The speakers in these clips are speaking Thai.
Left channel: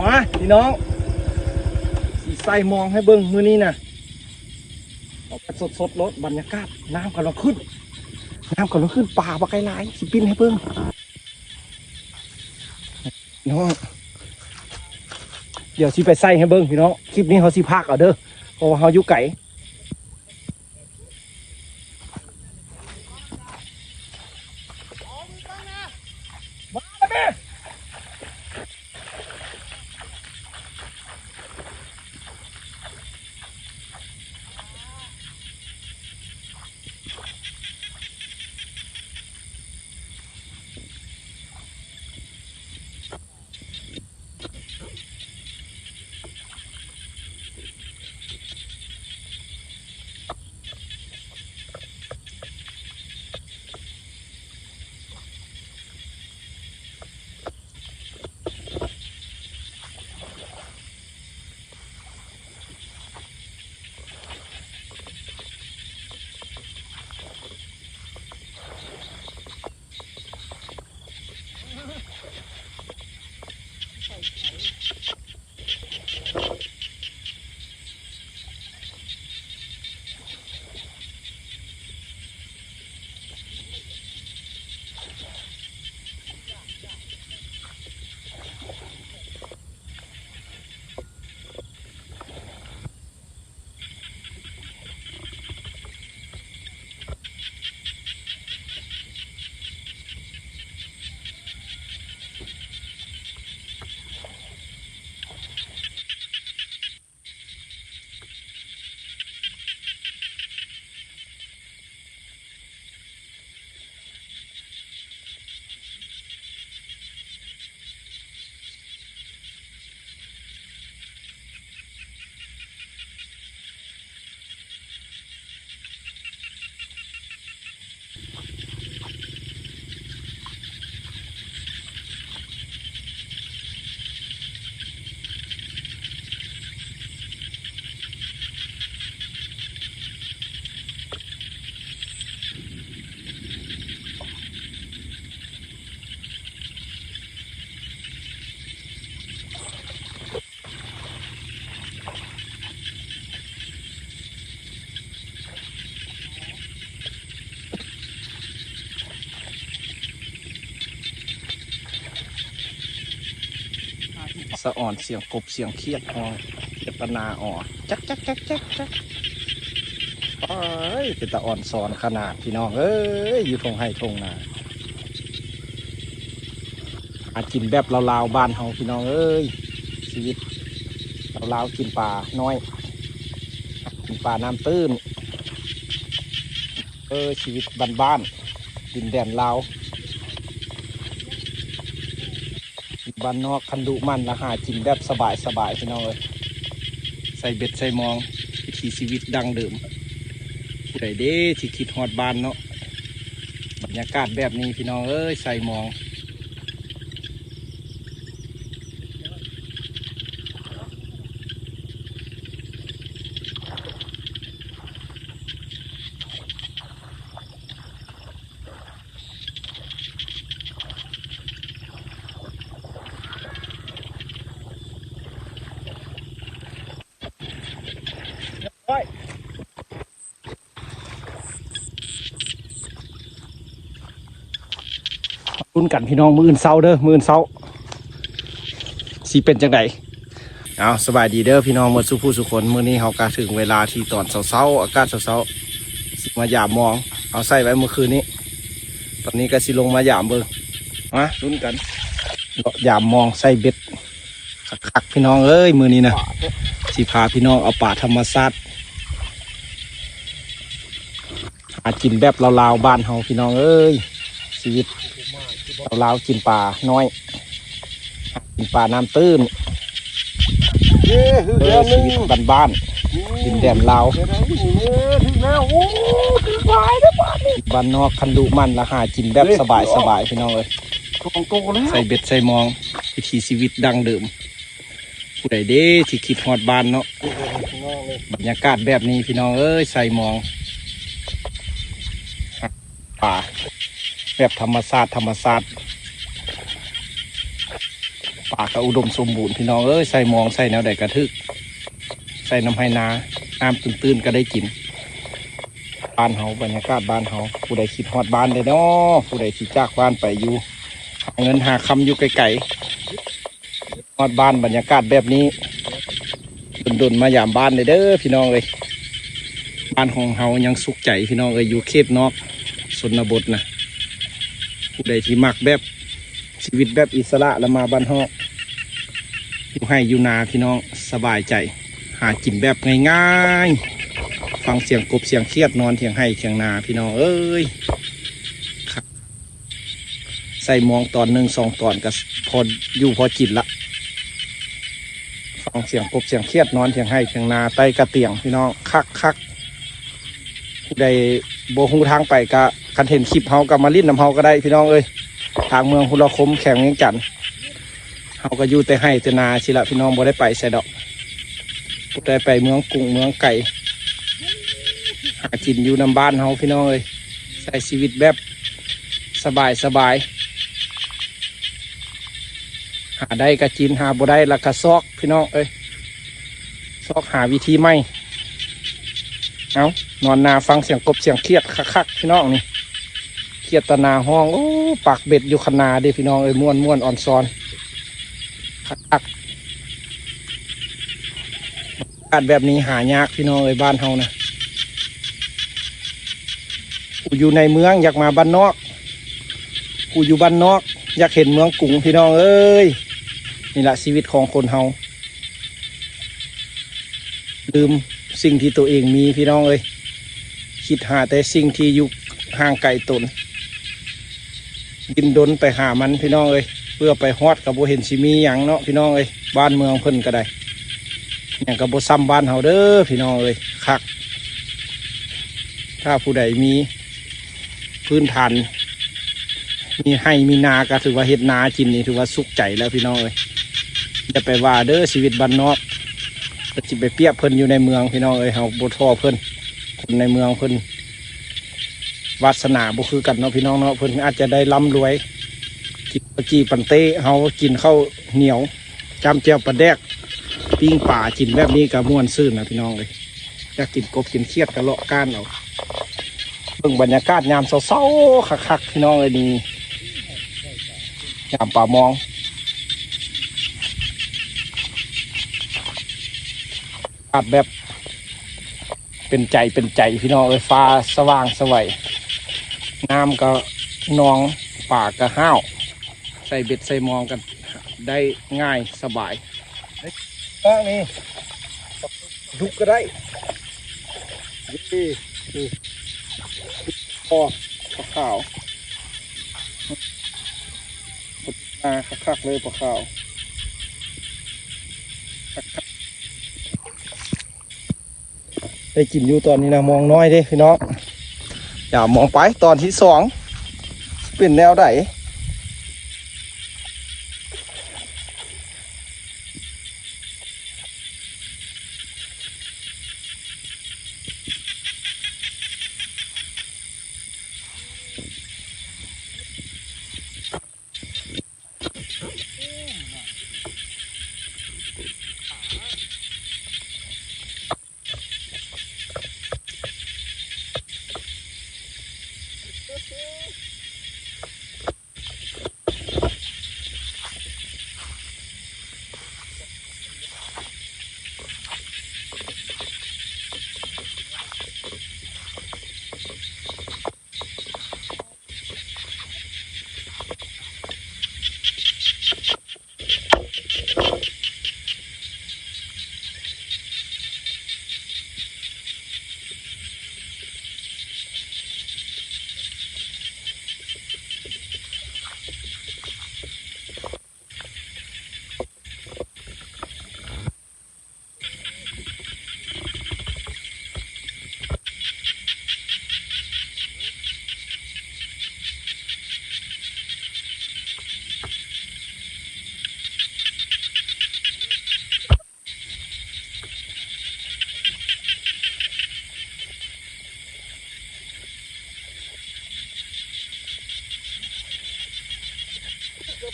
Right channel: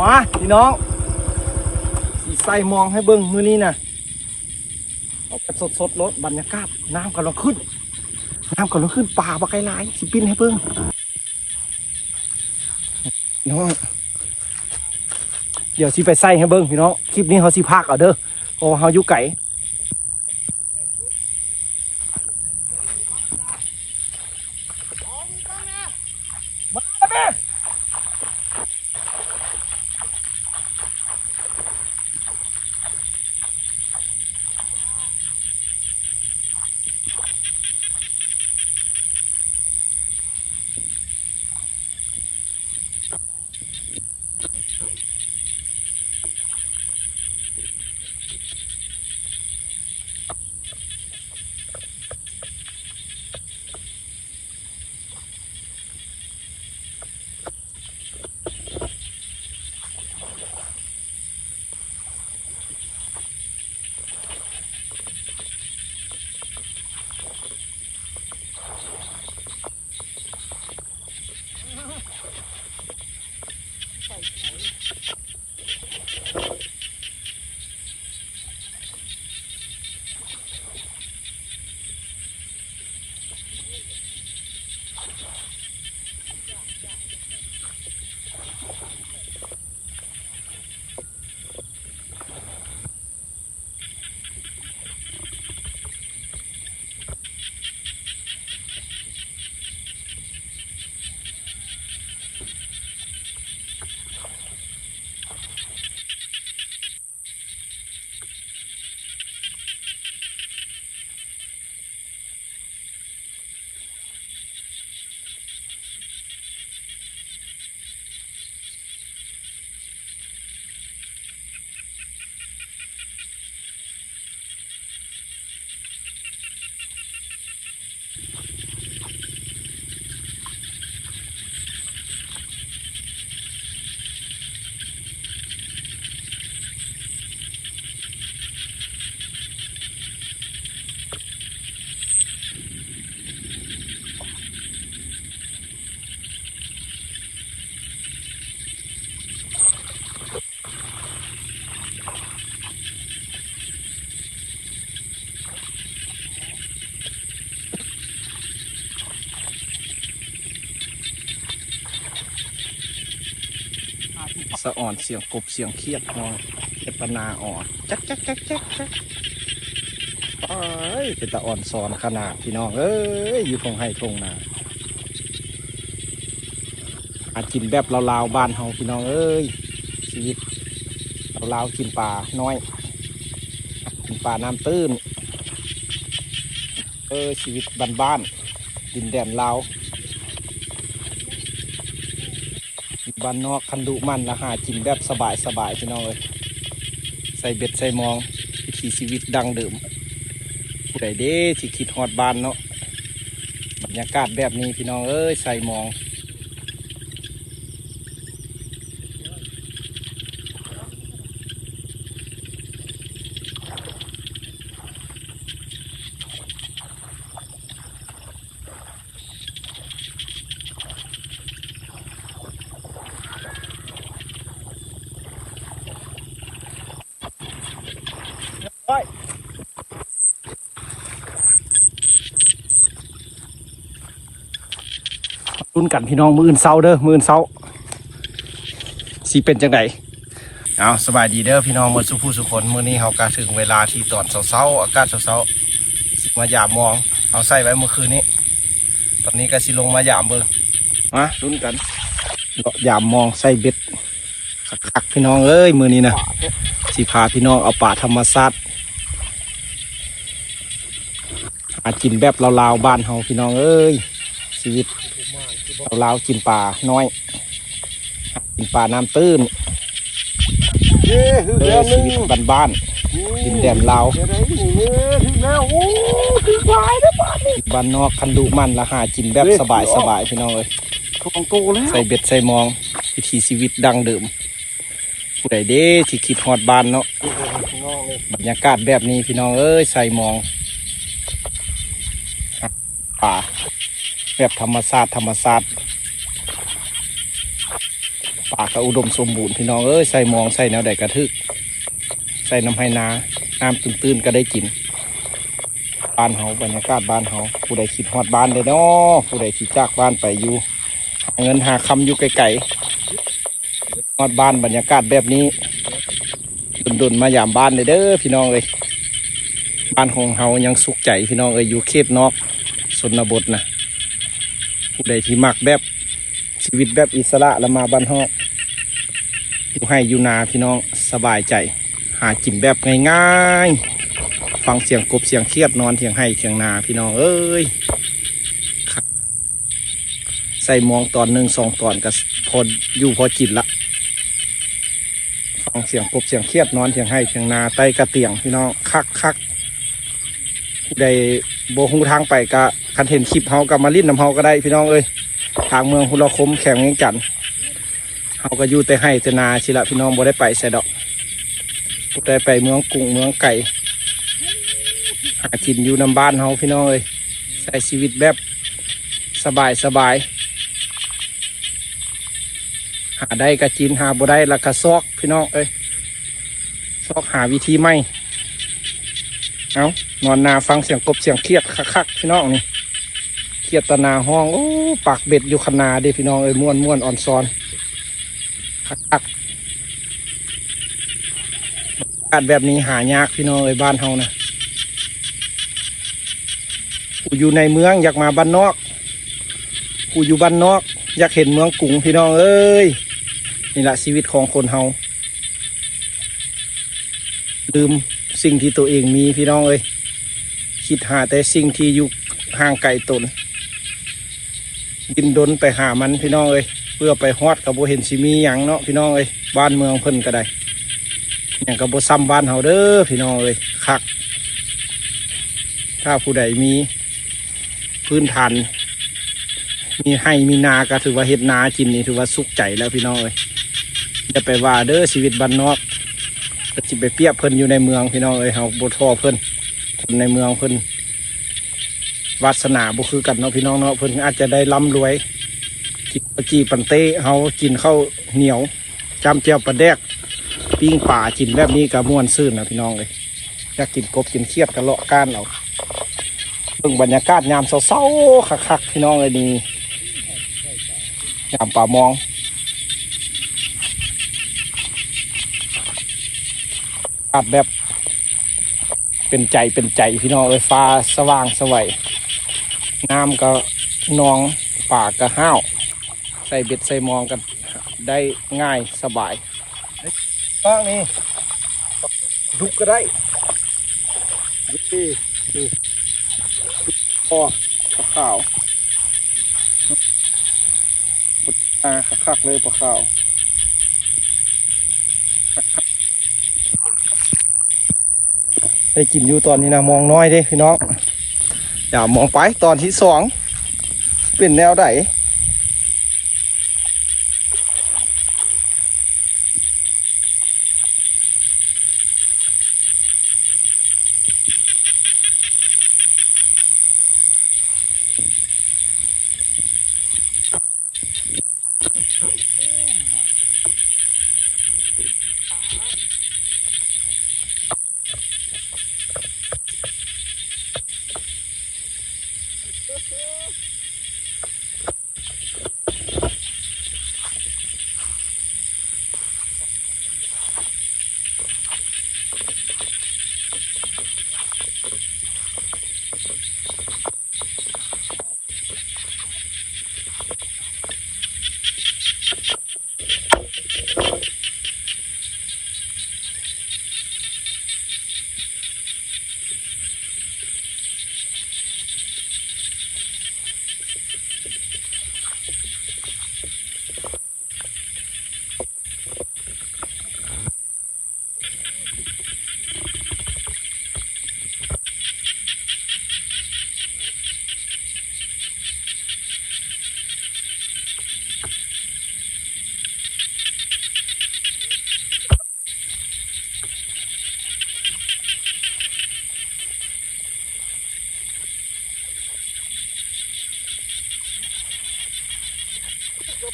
มาพี่น้องสีใส่มองให้เบิ้งมือนี้นะเอาไปสดสดรถบรรยากาศน้ำกำลังขึ้น น้ำกำลังขึ้นป่าปลาไกลหลายสิปิ้นให้เบิ้งน้องเดี๋ยวสิไปใส่ให้เบิ้งพี่น้องคลิปนี้เขาสิพากเอาเด้อเพราะว่าเขาอยู่ไก่ สะอ่อนเสียงกบเสียงเคียดนองเจตนาอ่อนจักจักจักจักจักเอ้ยเป็นตะอ่อนสอนขนาดพี่น้องเอ้ยอยู่ตรงไห้ตรงนาอากินแบบลาวๆบ้านเฮาพี่น้องเอ้ยชีวิตลาวๆกินปลาน้อยกินปลาน้ำตื้นเออชีวิตบ้านๆดินแดนลาว บ้านนอกคันดุมันและหากินแบบสบายสบายๆพี่น้องเลยใส่เบ็ดใส่มองวิถีชีวิตดังเดิมผู้ใดเด้ที่คิดฮอดบ้านเนาะบรรยากาศแบบนี้พี่น้องเอ้ยใส่มอง รุ่นกันพี่น้องมืออื่นเศร้าเด้อมืออื่นเศร้าสีเป็นจังไดเอาสบายดีเด้อพี่น้องมือสุผู้สุคนมื้อนี้เฮากาถึงเวลาที่ตอนเศร้าๆอากาศเศร้าๆสิมาหยามมอง เอาใส่ไว้เมื่อคืนนี้ ตอนนี้ก็สิลงมาหยามเบิ่งมารุ่นกันหยามมองใส่เบ็ดสักๆพี่น้องเอ้ยมือนี้นะสิพาพี่น้องเอาป่าธรรมชาติหากินแบบลาวๆบ้านเฮาพี่น้องเอ้ยชีวิต เราวกินปลาน้อย กินปลาน้ำตื้นเออชีวิตบ้านๆดินแดนลาวบ้านนอกคันดุมันแล้วหากินแบบสบายสบายๆพี่น้องเลยใส่เบ็ดใส่มองวิถีชีวิตดังเดิมผู้ใดเด้ที่คิดฮอดบ้านเนาะบรรยากาศแบบนี้พี่น้องเอ้ยใส่มองป่า แบบธรรมชาติธรรมชาติป่าป่าก็อุดมสมบูรณ์พี่น้องเอ้ยใส่มองใส่แนวใดกระทึก ใส่น้ำไห้นาน้ำตื้นๆก็ได้กินบ้านเฮาบรรยากาศบ้านเฮาผู้ใดคิดฮอดบ้านเลยเนาะผู้ใดคิดจากบ้านไปอยู่เงินหาคำอยู่ไกลๆฮอดบ้านบรรยากาศแบบนี้ดนๆมายามบ้านเลยเด้อพี่น้องเลยบ้านของเฮายังสุขใจพี่น้องเอ้ยอยู่เขตนอกสนบทนะ ผู้ใดที่มักแบบชีวิตแบบอิสระแล้วมาบ้านฮาอยู่ให้อยู่นาพี่น้องสบายใจ หากินแบบง่ายๆ ฟังเสียงกบเสียงเครียดนอนเทียงให้เทียงนาพี่น้องเอ้ยครับใส่หมองตอนหนึ่งสองตอนก็ทนอยู่พอจิตละฟังเสียงกบเสียงเครียดนอนเทียงให้เทียงนาใต้กระเตียงพี่น้องคักคัก ใดโบหูทางไปกะคันเห็นคลิปเฮากับมาลิ้นน้ำเฮาก็ได้พี่น้องเอ้ยทางเมืองหุลคมแข่งจันเฮาก็อยู่แต่ให้แต่นาชิละพี่น้องบ่ได้ไปใส่ดอกผู้ใดไปเมืองกรุงเมืองไก่หากินอยู่นำบ้านเฮาพี่น้องเลยใช้ชีวิตแบบสบายสบายหาได้ก็กินหาบ่ได้ละก็ซอกพี่น้องเอ้ยซอกหาวิธีไม่เอา นอนนาฟังเสียงกบเสียงเครียดคักๆพี่น้องนี่เครียดตนาห้องโอ้ปากเบ็ดอยู่ขนาเด้พี่น้องเอ้ยม่วนม่วนอ่อนซอนคักๆอากาศแบบนี้หายากพี่น้องเอ้ยบ้านเฮานะกูอยู่ในเมืองอยากมาบ้านนอกกูอยู่บ้านนอก อยากเห็นเมืองกรุงพี่น้องเอ้ยนี่แหละชีวิตของคนเฮาลืมสิ่งที่ตัวเองมีพี่น้องเอ้ย คิดหาแต่สิ่งที่อยู่ห่างไกลตนดินดนไปหามันพี่น้องเอ้ยเพื่อไปฮอดกับโบเห็นสิมีอย่างเนาะพี่น้องเอ้ยบ้านเมืองเพิ่นก็ได้อย่างกับโบซ้ำบ้านเฮาเด้อพี่น้องเอ้ยคัก ถ้าผู้ใดมีพื้นฐานมีให้มีนาก็ถือว่าเฮ็ดนาจินนี่ถือว่าสุขใจแล้วพี่น้องเลยอย่าไปว่าเด้อชีวิตบ้านนอกก็จิไปเปียบเพิ่นอยู่ในเมืองพี่น้องเอ้ยเฮาบ่ท้อเพิ่น คนในเมืองเพิ่นวาสนาบ่คือกันเนาะพี่น้องเนาะเพิ่นอาจจะได้ร่ำรวยกินปะกีปันเต้เฮากินข้าวเหนียวจำเจียวปลาแดกปิ้งป่ากินแบบนี้ก็ม่วนซื่นนะพี่น้องเลยอยากกินกบกินเครียดก็เลาะก้านเอาเบิ่งบรรยากาศยามเศร้าๆคักๆพี่น้องเลยดียามป่ามองแบบ เป็นใจเป็นใจพี่น้องเลยฟ้าสว่างสวัยน้ำก็นองป่าก็ห้าว ใส่เบ็ดใส่มองกันได้ง่ายสบายก็นี่ดุกก็ได้นี่พอขาวๆปดมาคักๆเลยปลาขาวคักๆ ได้กินอยู่ตอนนี้นะมองน้อยเด้พี่น้องอย่ามองไปตอนที่สองเป็นแนวไหน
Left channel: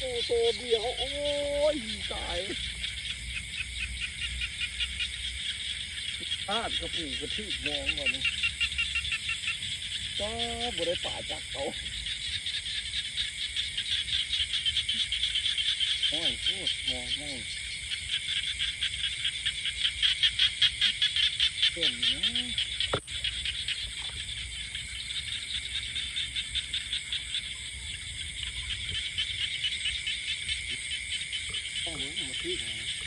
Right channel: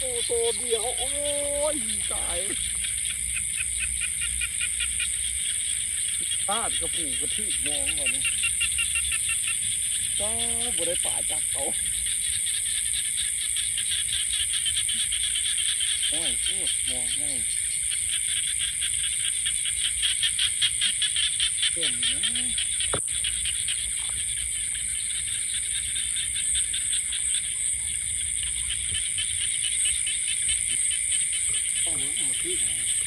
ระปูตัวเดียว โอ้ยตายตาดกระปูกระทืบมองก่อนนี่จ้าบุได้ป่าจักเขาโอ้ยโคตรมองง่ายเต็มอยู่นะ ต้องเ